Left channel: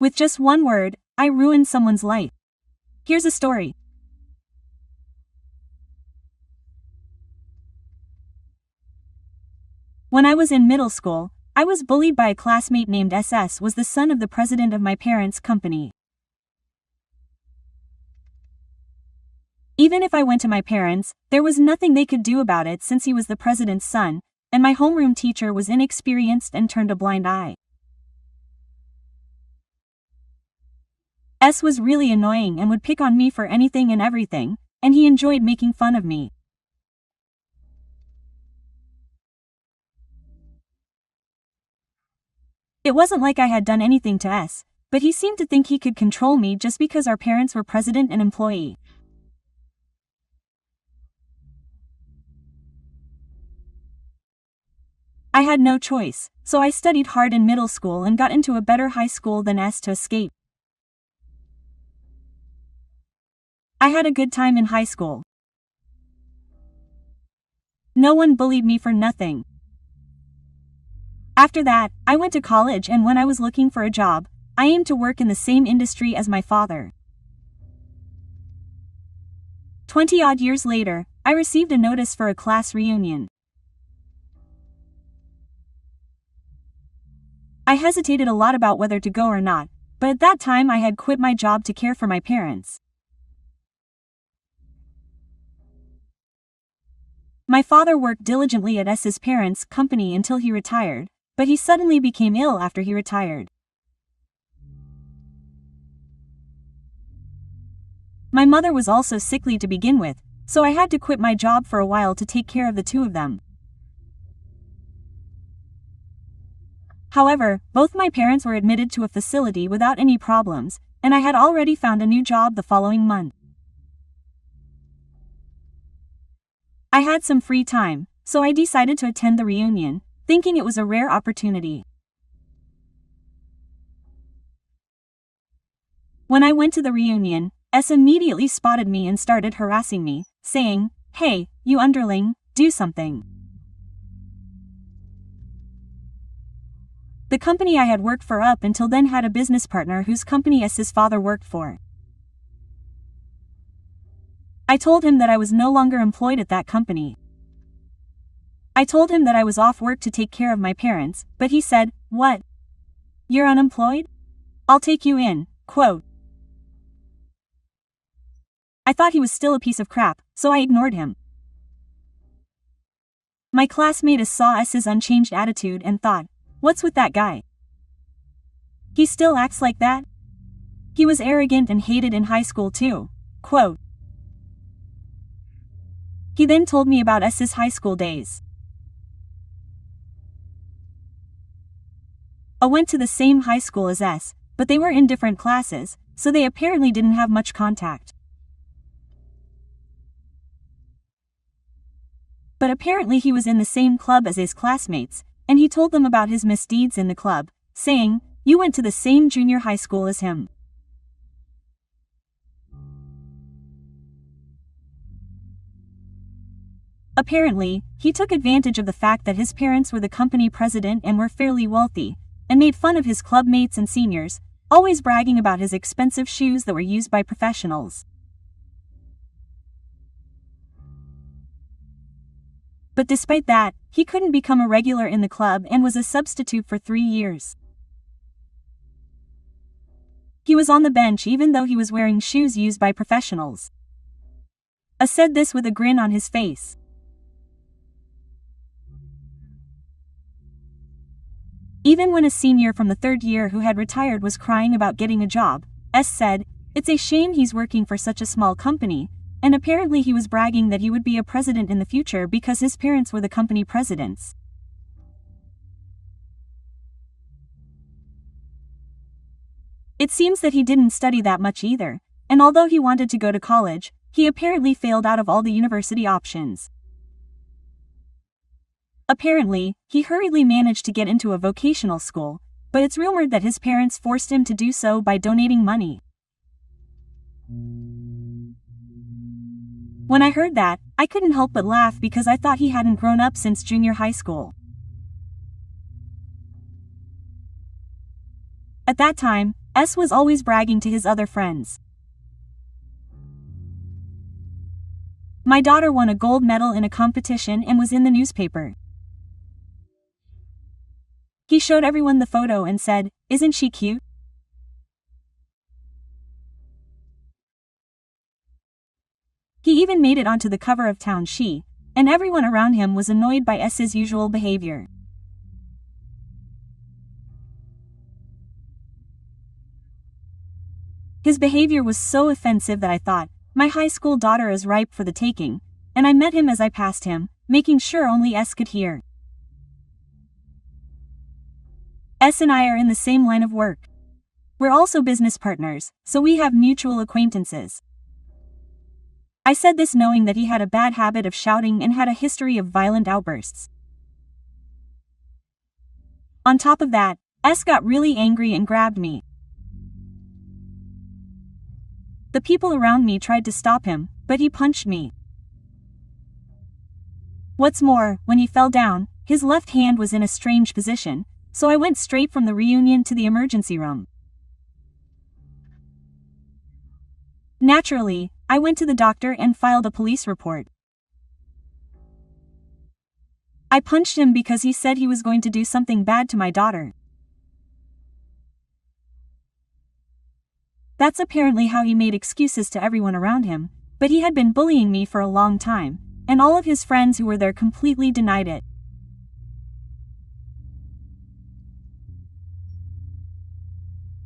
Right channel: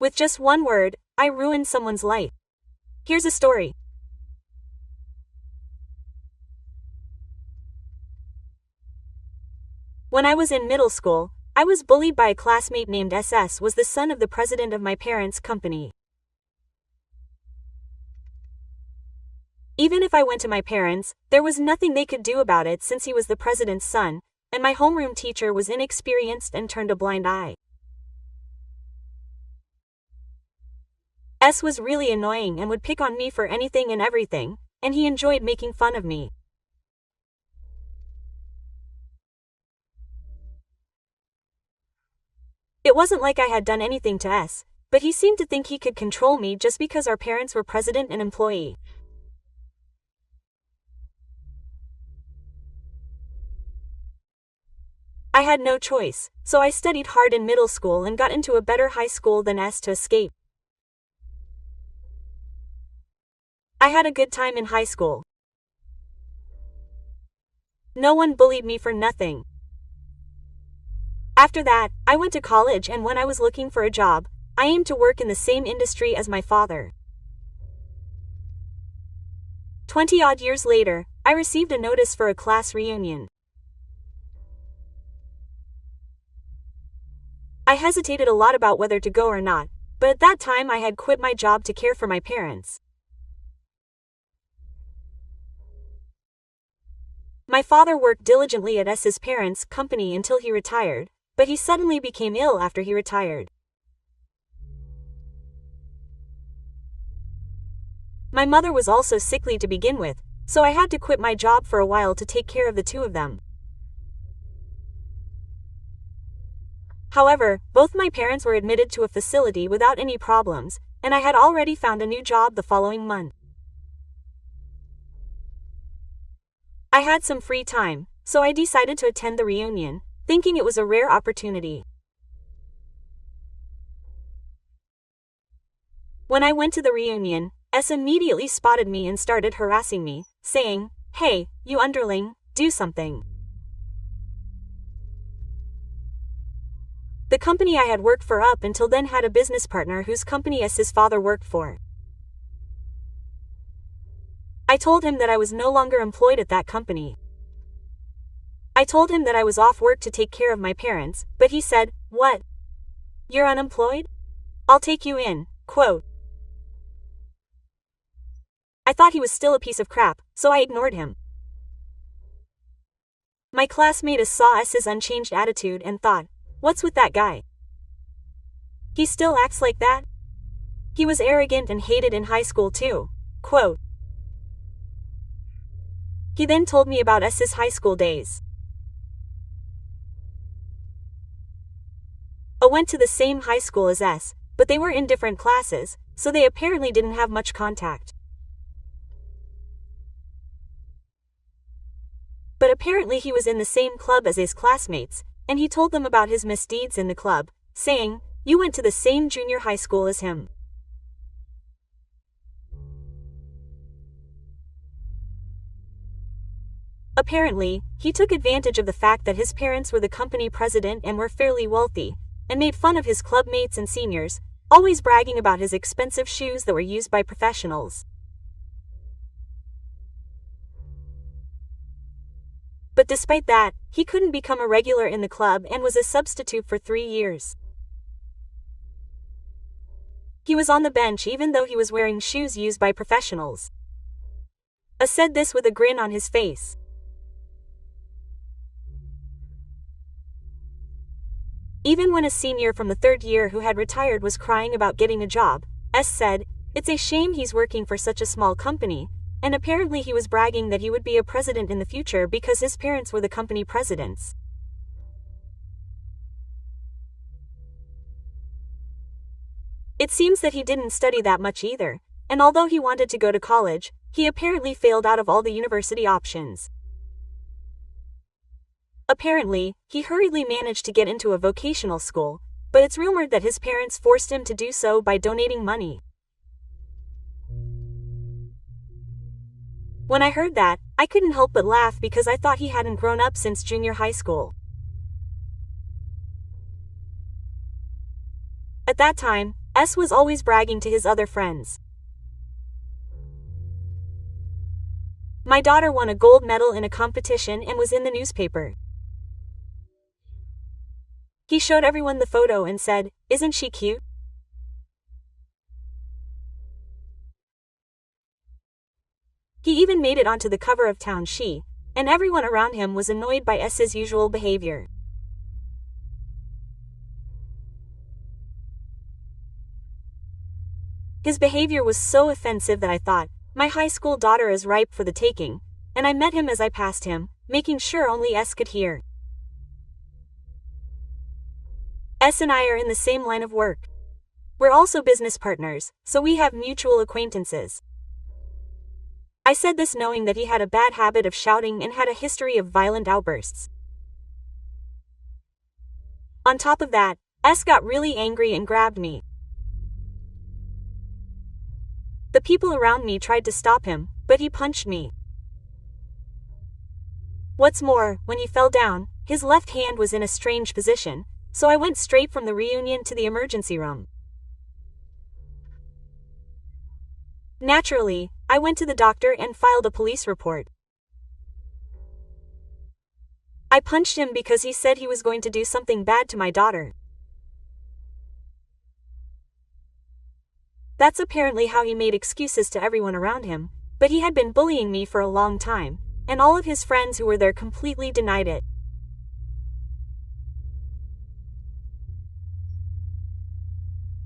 With just one word, I ruined someone's life. Here's a story. When I was in middle school, I was bullied by a classmate named SS was the son of the president of my parents' company. Even if I went to my parents, there was nothing they could do about it since he was the president's son, and my homeroom teacher was inexperienced and turned a blind eye. S was really annoying and would pick on me for anything and everything, and he enjoyed making fun of me. It wasn't like I had done anything to S, but he seemed to think he could control me just because our parents were president and employee. I had no choice, so I studied hard in middle school and got into a better high school than S to escape. I had a good time in high school. No one bullied me for nothing. After that, I went to college, and when I was looking for a job, I aimed to work in the same industry as my father. 20-odd years later, I received a notice for a class reunion. I hesitated a lot about whether to go or not, but at that time I had quit my job to care for my parents. My father worked diligently at S's parents' company until he retired, but he suddenly became ill after he retired. My mother was also sickly to begin with, so I had to quit my job for a while to take care of the two of them. However, both my parents were admitted to a facility without any problems, and I had already found a new job the following month. I had some free time, so I decided to attend the reunion, thinking it was a rare opportunity. When I went to the reunion, S immediately spotted me and started harassing me, saying, "Hey, you underling, do something." The company I had worked for up until then had a business partner whose company S's father worked for. I told him that I was no longer employed at that company. I told him that I was off work to take care of my parents, but he said, "What? You're unemployed? I'll take you in," quote. I thought he was still a piece of crap, so I ignored him. My classmate saw S's unchanged attitude and thought, "What's with that guy? He still acts like that? He was arrogant and hated in high school too," quote. He then told me about S's high school days. I went to the same high school as S, but they were in different classes, so they apparently didn't have much contact. But apparently he was in the same club as his classmates, and he told them about his misdeeds in the club, saying, "You went to the same junior high school as him." Apparently, he took advantage of the fact that his parents were the company president and were fairly wealthy, and made fun of his club mates and seniors, always bragging about his expensive shoes that were used by professionals. But despite that, he couldn't become a regular in the club and was a substitute for 3 years. He was on the bench even though he was wearing shoes used by professionals. A said this with a grin on his face. Even when a senior from the 3rd year who had retired was crying about getting a job, S said, "It's a shame he's working for such a small company," and apparently he was bragging that he would be a president in the future because his parents were the company presidents. It seems that he didn't study that much either, and although he wanted to go to college, he apparently failed out of all the university options. Apparently, he hurriedly managed to get into a vocational school, but it's rumored that his parents forced him to do so by donating money. When I heard that, I couldn't help but laugh because I thought he hadn't grown up since junior high school. At that time, S was always bragging to his other friends. My daughter won a gold medal in a competition and was in the newspaper. He showed everyone the photo and said, "Isn't she cute?" He even made it onto the cover of Town She, and everyone around him was annoyed by S's usual behavior. His behavior was so offensive that I thought, my high school daughter is ripe for the taking, and I met him as I passed him, making sure only S could hear. S and I are in the same line of work. We're also business partners, so we have mutual acquaintances. I said this knowing that he had a bad habit of shouting and had a history of violent outbursts. On top of that, S got really angry and grabbed me. The people around me tried to stop him, but he punched me. What's more, when he fell down, his left hand was in a strange position, so I went straight from the reunion to the emergency room. Naturally, I went to the doctor and filed a police report. I punched him because he said he was going to do something bad to my daughter. That's apparently how he made excuses to everyone around him, but he had been bullying me for a long time, and all of his friends who were there completely denied it.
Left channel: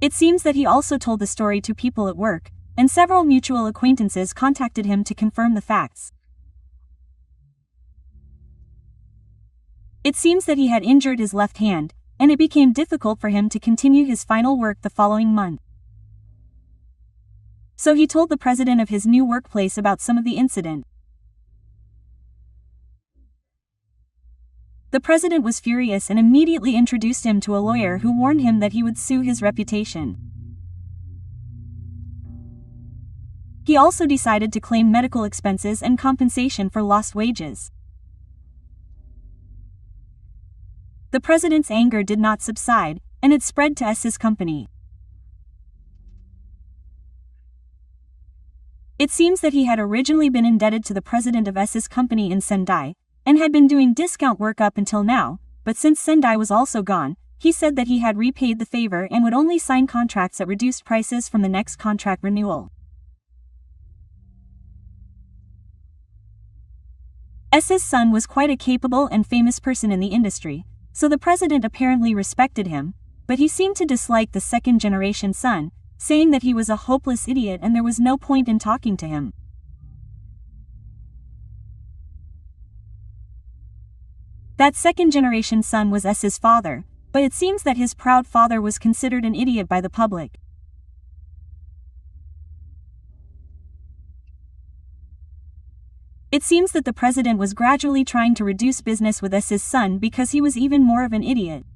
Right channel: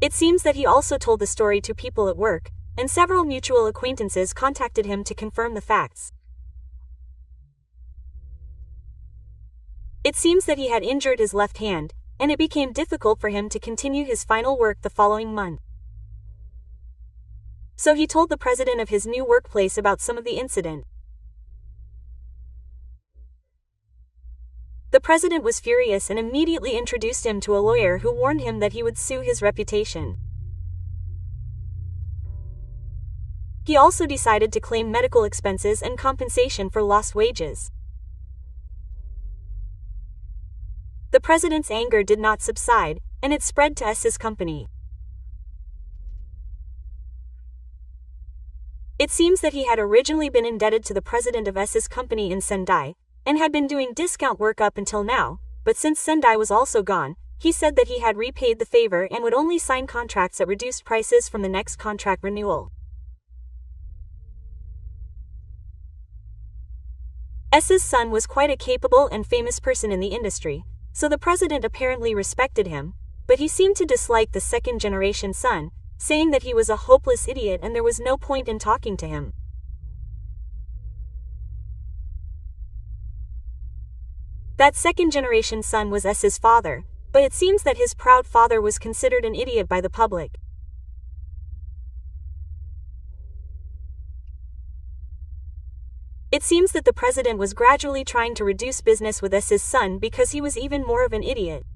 It seems that he also told the story to people at work, and several mutual acquaintances contacted him to confirm the facts. It seems that he had injured his left hand, and it became difficult for him to continue his final work the following month. So he told the president of his new workplace about some of the incident. The president was furious and immediately introduced him to a lawyer who warned him that he would sue his reputation. He also decided to claim medical expenses and compensation for lost wages. The president's anger did not subside, and it spread to S's company. It seems that he had originally been indebted to the president of S's company in Sendai, and had been doing discount work up until now, but since Sendai was also gone, he said that he had repaid the favor and would only sign contracts at reduced prices from the next contract renewal. S's son was quite a capable and famous person in the industry, so the president apparently respected him, but he seemed to dislike the second-generation son, saying that he was a hopeless idiot and there was no point in talking to him. That second-generation son was S's father, but it seems that his proud father was considered an idiot by the public. It seems that the president was gradually trying to reduce business with S's son because he was even more of an idiot.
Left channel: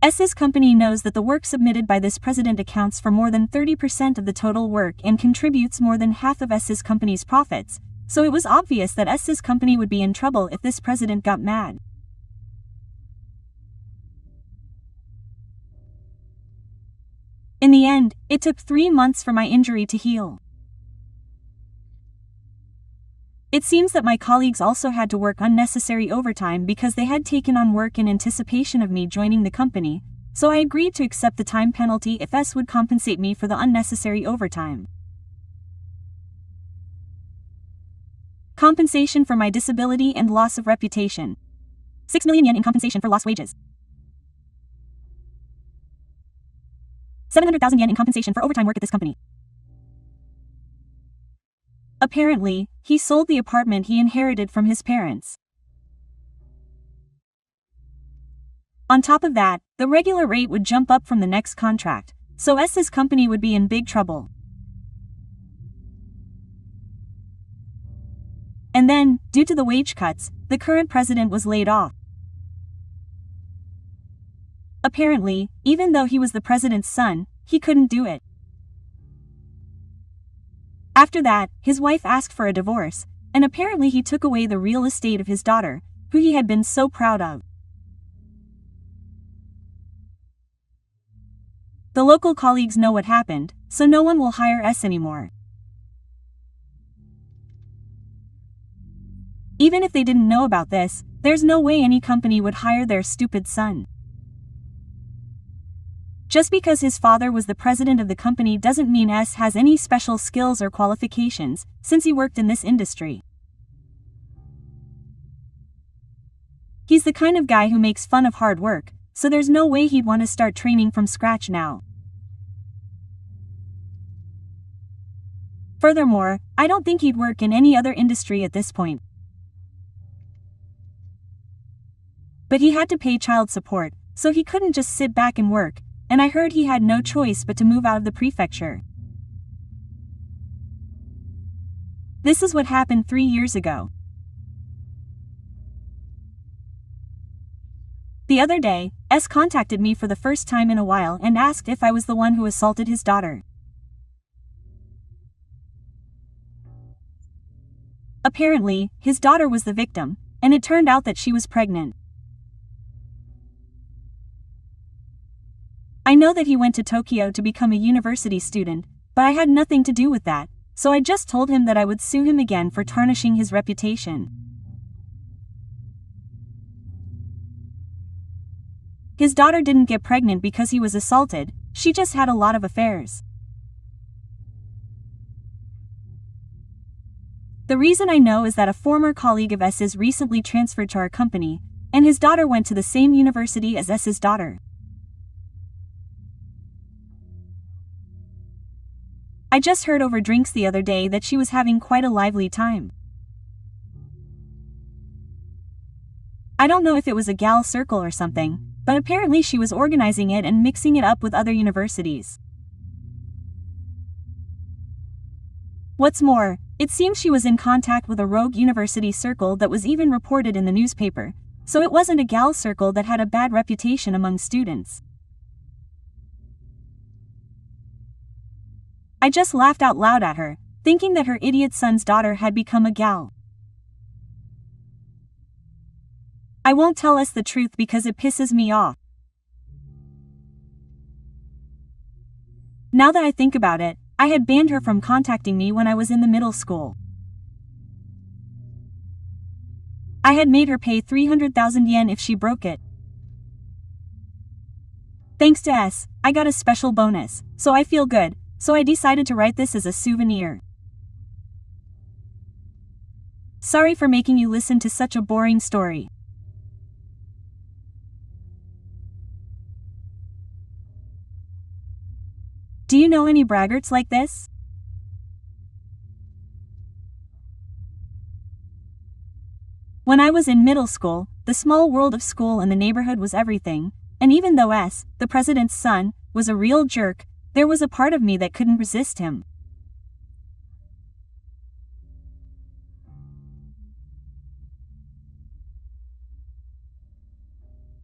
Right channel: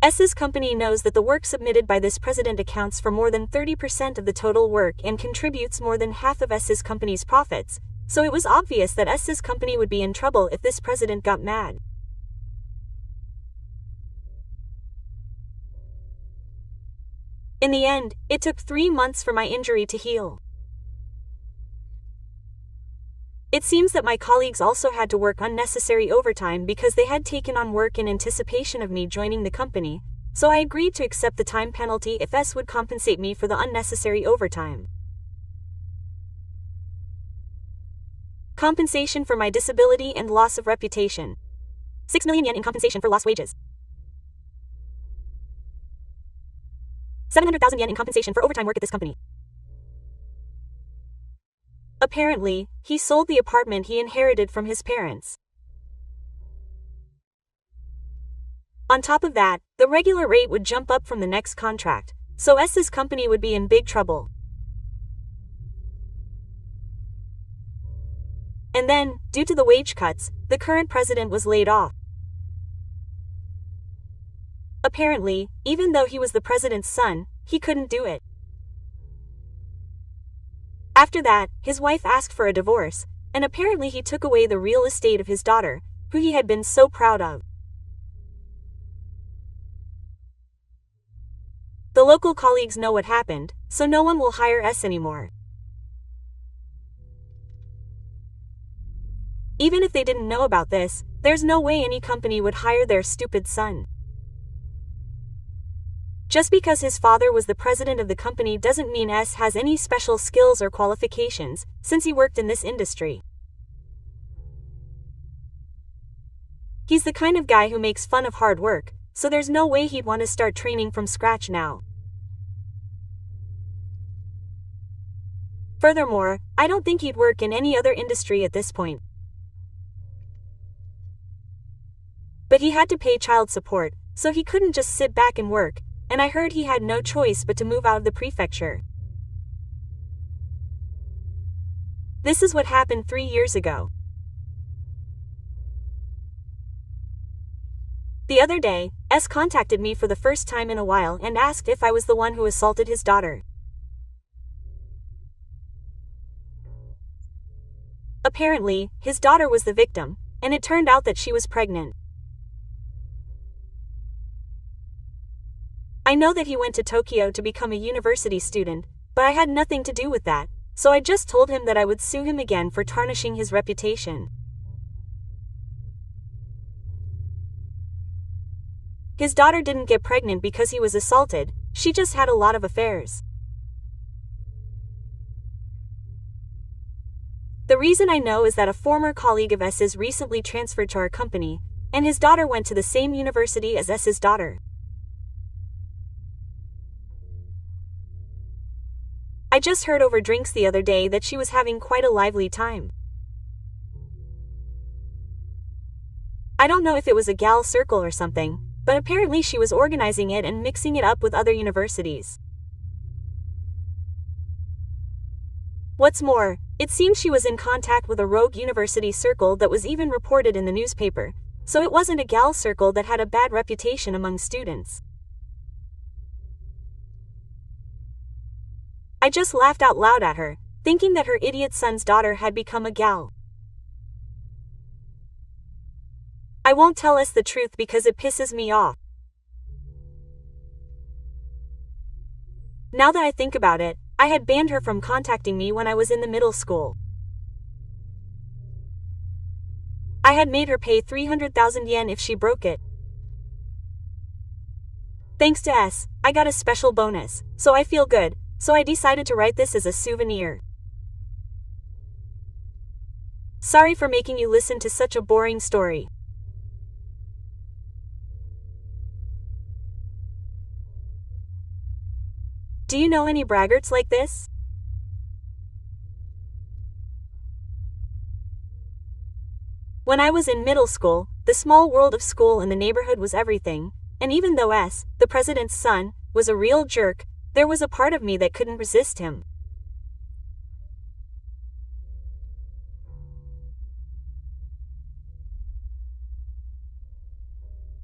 S's company knows that the work submitted by this president accounts for more than 30% of the total work and contributes more than half of S's company's profits, so it was obvious that S's company would be in trouble if this president got mad. In the end, it took 3 months for my injury to heal. It seems that my colleagues also had to work unnecessary overtime because they had taken on work in anticipation of me joining the company, so I agreed to accept the time penalty if S would compensate me for the unnecessary overtime. Compensation for my disability and loss of reputation. 6 million yen in compensation for lost wages. 700,000 yen in compensation for overtime work at this company. Apparently, he sold the apartment he inherited from his parents. On top of that, the regular rate would jump up from the next contract, so S's company would be in big trouble. And then, due to the wage cuts, the current president was laid off. Apparently, even though he was the president's son, he couldn't do it. After that, his wife asked for a divorce, and apparently he took away the real estate of his daughter, who he had been so proud of. The local colleagues know what happened, so no one will hire S anymore. Even if they didn't know about this, there's no way any company would hire their stupid son. Just because his father was the president of the company doesn't mean S has any special skills or qualifications, since he worked in this industry. He's the kind of guy who makes fun of hard work, so there's no way he'd want to start training from scratch now. Furthermore, I don't think he'd work in any other industry at this point. But he had to pay child support, so he couldn't just sit back and work, and I heard he had no choice but to move out of the prefecture. This is what happened 3 years ago. The other day, S contacted me for the first time in a while and asked if I was the one who assaulted his daughter. Apparently, his daughter was the victim, and it turned out that she was pregnant. I know that he went to Tokyo to become a university student, but I had nothing to do with that, so I just told him that I would sue him again for tarnishing his reputation. His daughter didn't get pregnant because he was assaulted, she just had a lot of affairs. The reason I know is that a former colleague of S's recently transferred to our company, and his daughter went to the same university as S's daughter. I just heard over drinks the other day that she was having quite a lively time. I don't know if it was a gal circle or something, but apparently she was organizing it and mixing it up with other universities. What's more, it seems she was in contact with a rogue university circle that was even reported in the newspaper, so it wasn't a gal circle that had a bad reputation among students. I just laughed out loud at her, thinking that her idiot son's daughter had become a gal. I won't tell us the truth because it pisses me off. Now that I think about it, I had banned her from contacting me when I was in the middle school. I had made her pay 300,000 yen if she broke it. Thanks to S, I got a special bonus, so I feel good, so I decided to write this as a souvenir. Sorry for making you listen to such a boring story. Do you know any braggarts like this? When I was in middle school, the small world of school and the neighborhood was everything, and even though S, the president's son, was a real jerk, there was a part of me that couldn't resist him.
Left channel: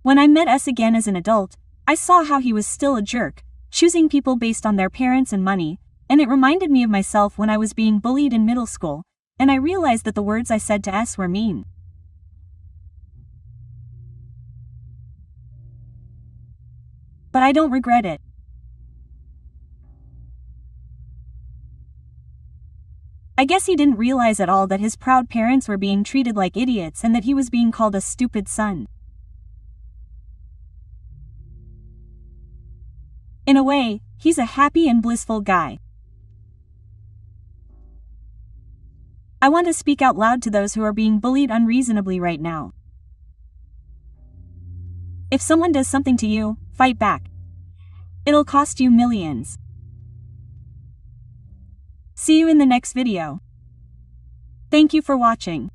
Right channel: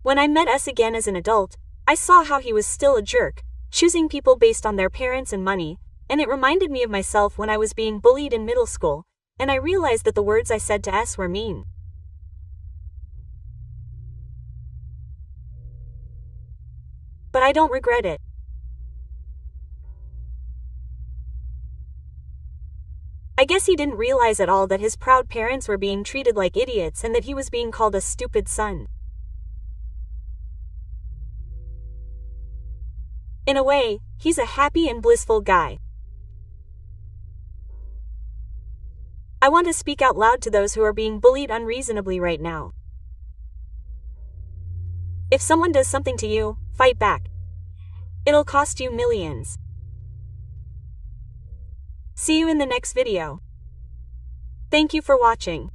When I met S again as an adult, I saw how he was still a jerk, choosing people based on their parents and money, and it reminded me of myself when I was being bullied in middle school, and I realized that the words I said to S were mean. But I don't regret it. I guess he didn't realize at all that his proud parents were being treated like idiots and that he was being called a stupid son. In a way, he's a happy and blissful guy. I want to speak out loud to those who are being bullied unreasonably right now. If someone does something to you, fight back. It'll cost you millions. See you in the next video. Thank you for watching.